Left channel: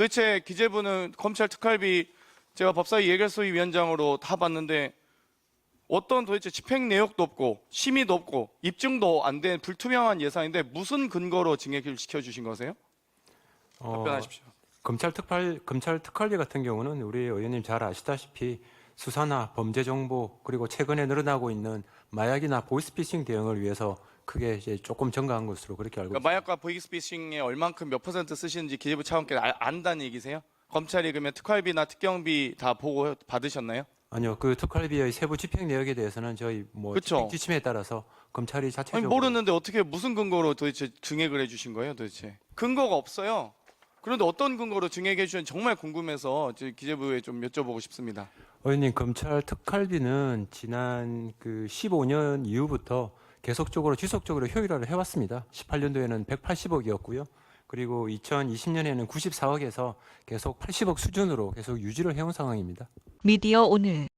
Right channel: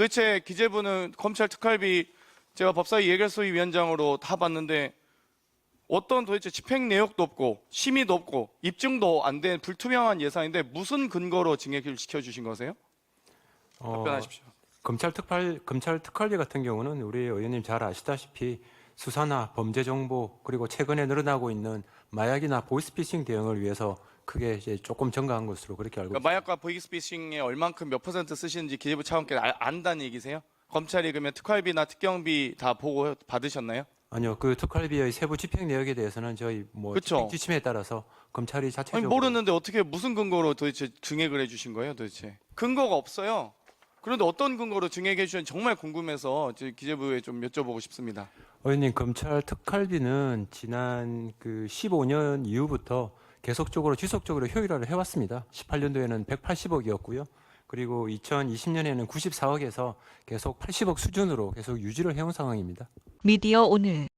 도대체 기재부는 검찰 특활비 제가 법사위 예결소위 위원장으로 다 봤는데 어떤 도대체 집행 내역도 없고 심의도 없고 입증도 안 된 불투명한 예산인데 무슨 근거로 증액을 시켜주신 거세요? 어, 답변하십시오. 검찰 특활 검찰 특활비 같은 경우는 우리 의원님 잘 아시다시피 수사나 범죄 정보 그리고 최근에 늘어나고 있는 마약이나 보이스피싱 대응을 위해서 크게 이제 조금 증가한 것으로 그렇게 알고 그러니까 마약과 보이스피싱에 얼만큼 몇 퍼센트 쓰시는지 기재부 차관께서 알- 안다는 얘기세요? 검찰이 그러면 특활비나 특경비 다 보고 받으셨나요? 아니요 그 특활비의 세부 집행 내역에 대해서는 저희 뭐 그쵸. 집행 지침에 따라서 검찰이 아니 자체적으로 모르는데 어떻게 무슨 근거로 도대체 증액을 해주신 거예요 도대체 근거가 없어요 그런데 어떤 근거로 증액해 주셨는지 정말 궁금해서 저희 기재부에 좀 여쭤보고 싶습니다 의원님 검찰 특활비는 지난 그 15년 이후부터 계속적으로 지속적으로 효율화를 해왔습니다. 18년도에는 180억이었고요. 그리고 2020년에는 94억에서 계속 80억 수준으로 계속 유지를 해온 상황입니다. 미디어 오늘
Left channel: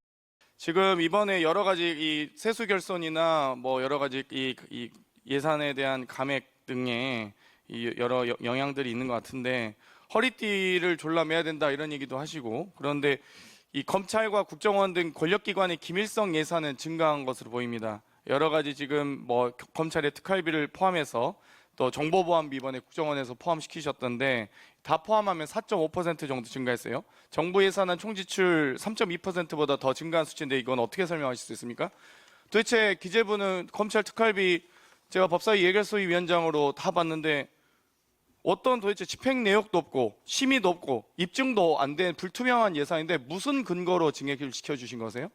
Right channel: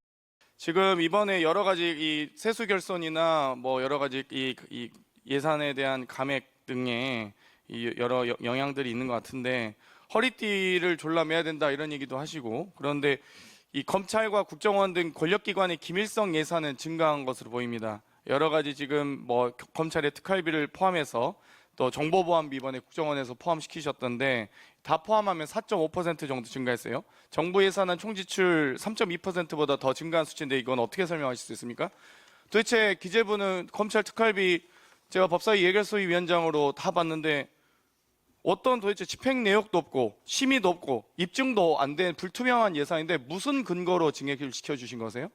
지금 이번에 여러 가지 이 세수 결손이나 뭐 여러 가지 이, 이 예산에 대한 감액 등의 이 여러 여- 영향들이 있는 것 같은데 허리띠를 졸라매야 된다 이런 얘기도 하시고 그런데 이 검찰과 국정원 등 권력기관의 기밀성 예산은 증가한 것으로 보입니다. 여러 가지 지금 뭐 검찰의 특활비를 포함해서 또 정보보안비 이번에 국정원에서 포함시키셨던데 다 포함하면 4.5% 정도 증가했어요. 정부 예산은 총지출 3.2%보다 더 증가한 수치인데 이건 어떻게 설명하실 수 있습니까? 도대체 기재부는 검찰 특활비 제가 법사위 예결소위 위원장으로 다 봤는데 어떤 도대체 집행 내역도 없고 심의도 없고 입증도 안 된 불투명한 예산인데 무슨 근거로 증액을 시켜주신 거세요?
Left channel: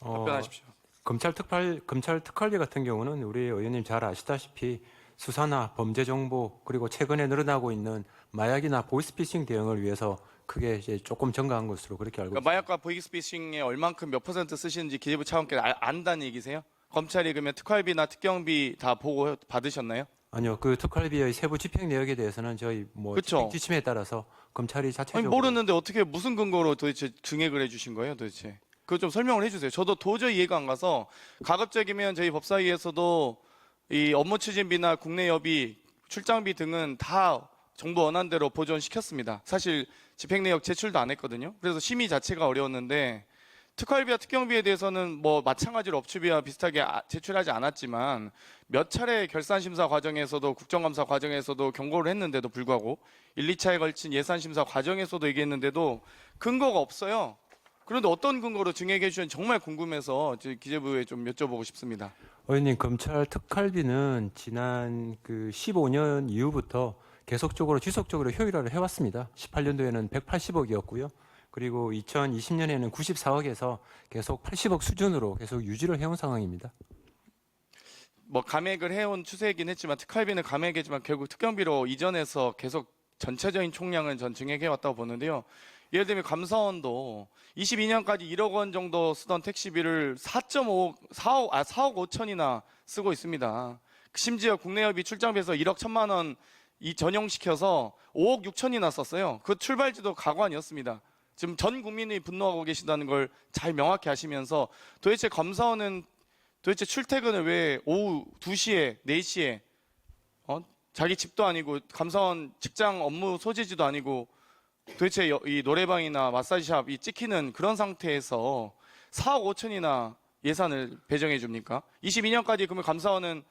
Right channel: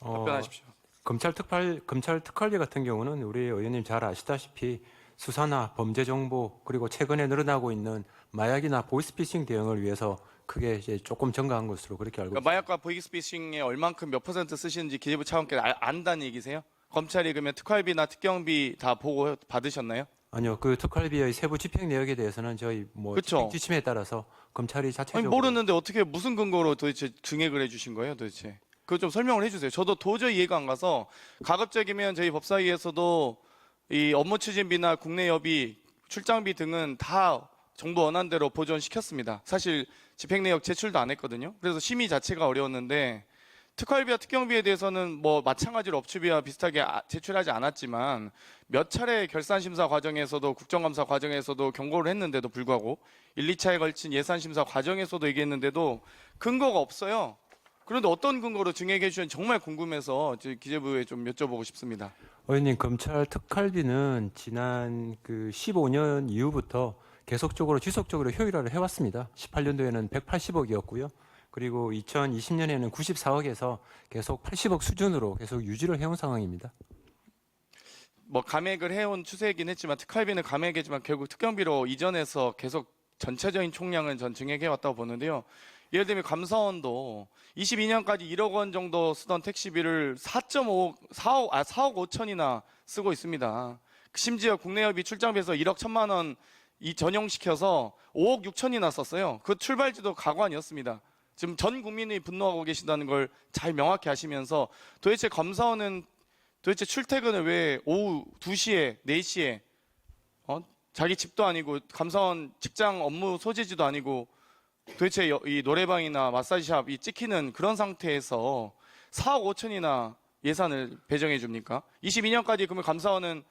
어, 답변하십시오. 검찰 특활 검찰 특활비 같은 경우는 우리 의원님 잘 아시다시피 수사나 범죄 정보 그리고 최근에 늘어나고 있는 마약이나 보이스피싱 대응을 위해서 크게 이제 조금 증가한 것으로 그렇게 알고 그러니까 마약과 보이스피싱에 얼만큼 몇 퍼센트 쓰시는지 기재부 차관께서 알- 안다는 얘기세요? 검찰이 그러면 특활비나 특경비 다 보고 받으셨나요? 아니요 그 특활비의 세부 집행 내역에 대해서는 저희 뭐 그쵸. 집행 지침에 따라서 검찰이 아니, 자체적으로 모르는데 어떻게 무슨 근거로 도대체 증액을 해주신 거예요, 도대체? 그거 좀 설명을 해주세요. 저도 도저히 이해가 안 가서 가급적이면 저희 법사위에서도 이 업무 추진비나 국내 여비, 출장비 등은 다 정부 원안대로 보존시켰습니다. 사실 집행 내역 제출도 안 했거든요. 그래서 심의 자체가 어려웠는데 특활비와 특경비에 대해서는 뭐 마찬가지로 업추비와 비슷하게 아- 제출하지 않았지만 몇 차례 결산 심사 과정에서도 국정감사 과정에서도 경고를 했는데도 불구하고 1, 2차에 걸친 예산 심사 과정에서도 얘기했는데도 근거가 없어요. 그런데 어떤 근거로 증액해 주셨는지 정말 궁금해서 기재부에 좀 여쭤보고 싶습니다. 의원님 검찰 특활비는 지난 그 15년 이후부터 계속적으로 지속적으로 효율화를 해왔습니다. 18년도에는 180억이었고요. 그리고 2020년에는 94억에서 계속 80억 수준으로 계속 유지를 해온 상황입니다. 뭐 감액을 해온 추세이긴 했지만 특활비는 감액이지만 결국 특경비로 이전해서 계속 전체적인 총량은 전 증액해 왔다고 보는데요. 예를 들면 감사원도 22년까지 1억 원 정도 쓰던 택시비를 4.5, 4억, 아, 4억 5천이나 쓰고 있습니다. 심지어 국내협이 출장비에서 1억 1천만 원 이 전용시켜서 5억 6천이나 썼어요. 그 출발지도 가관이었습니다. 지금 전 국민이 분노하고 계시다는 걸 잘 명확히 아시면서 도대체 검사원은 도대체 출퇴근을 왜 오후 2시에, 4시에, 어? 자기 집도 아니고, 감사원 직장 업무 소재지도 아니고, 도대체 여- 이 노래방이나 마사지샵이 찍히는 그런 상태에서 4억 5천이나 예산을 배정해 줍니까? 22년까지 그러면 감사원은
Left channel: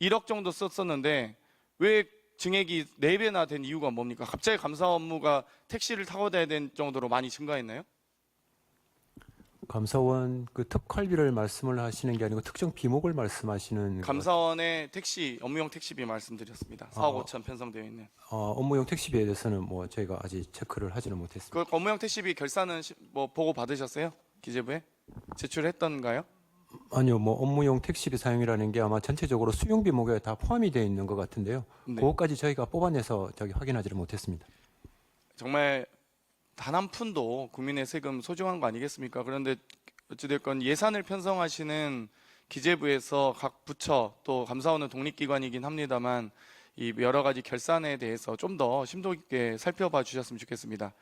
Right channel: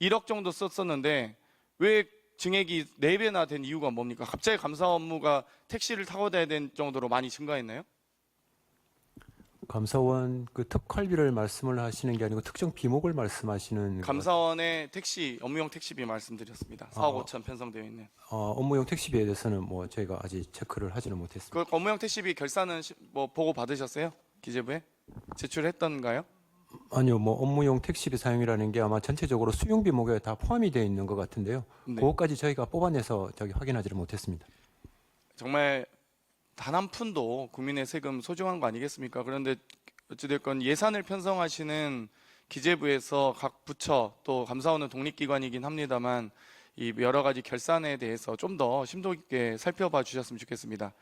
1억 정도 썼었는데, 왜 증액이 4배나 된 이유가 뭡니까? 갑자기 감사 업무가 택시를 타고 다야 될 정도로 많이 증가했나요? 감사원 그 특활비를 말씀을 하시는 게 아니고 특정 비목을 말씀하시는 것 감사원의 택시, 업무용 택시비 말씀드렸습니다. 4억 어. 5천 편성되어 있는. 어, 업무용 택시비에 대해서는 뭐 저희가 아직 체크를 하지는 못했습니다. 그 업무용 택시비 결산은 시- 뭐 보고 받으셨어요? 기재부에 제출했던가요? 아니요, 뭐 업무용 택시비 사용이라는 게 아마 전체적으로 수용 비목에 다 포함이 되어 있는 것 같은데요. 네. 그것까지 저희가 뽑아내서 저기 확인하지를 못했습니다. 정말 단 한 푼도 국민의 세금 소중한 거 아니겠습니까? 그런데 어찌됐건 예산을 편성하시는 기재부에서 각 부처 또 감사원은 독립기관이긴 합니다만 이 여러 가지 결산에 대해서 좀 더 심도 있게 살펴봐 주셨으면 좋겠습니다.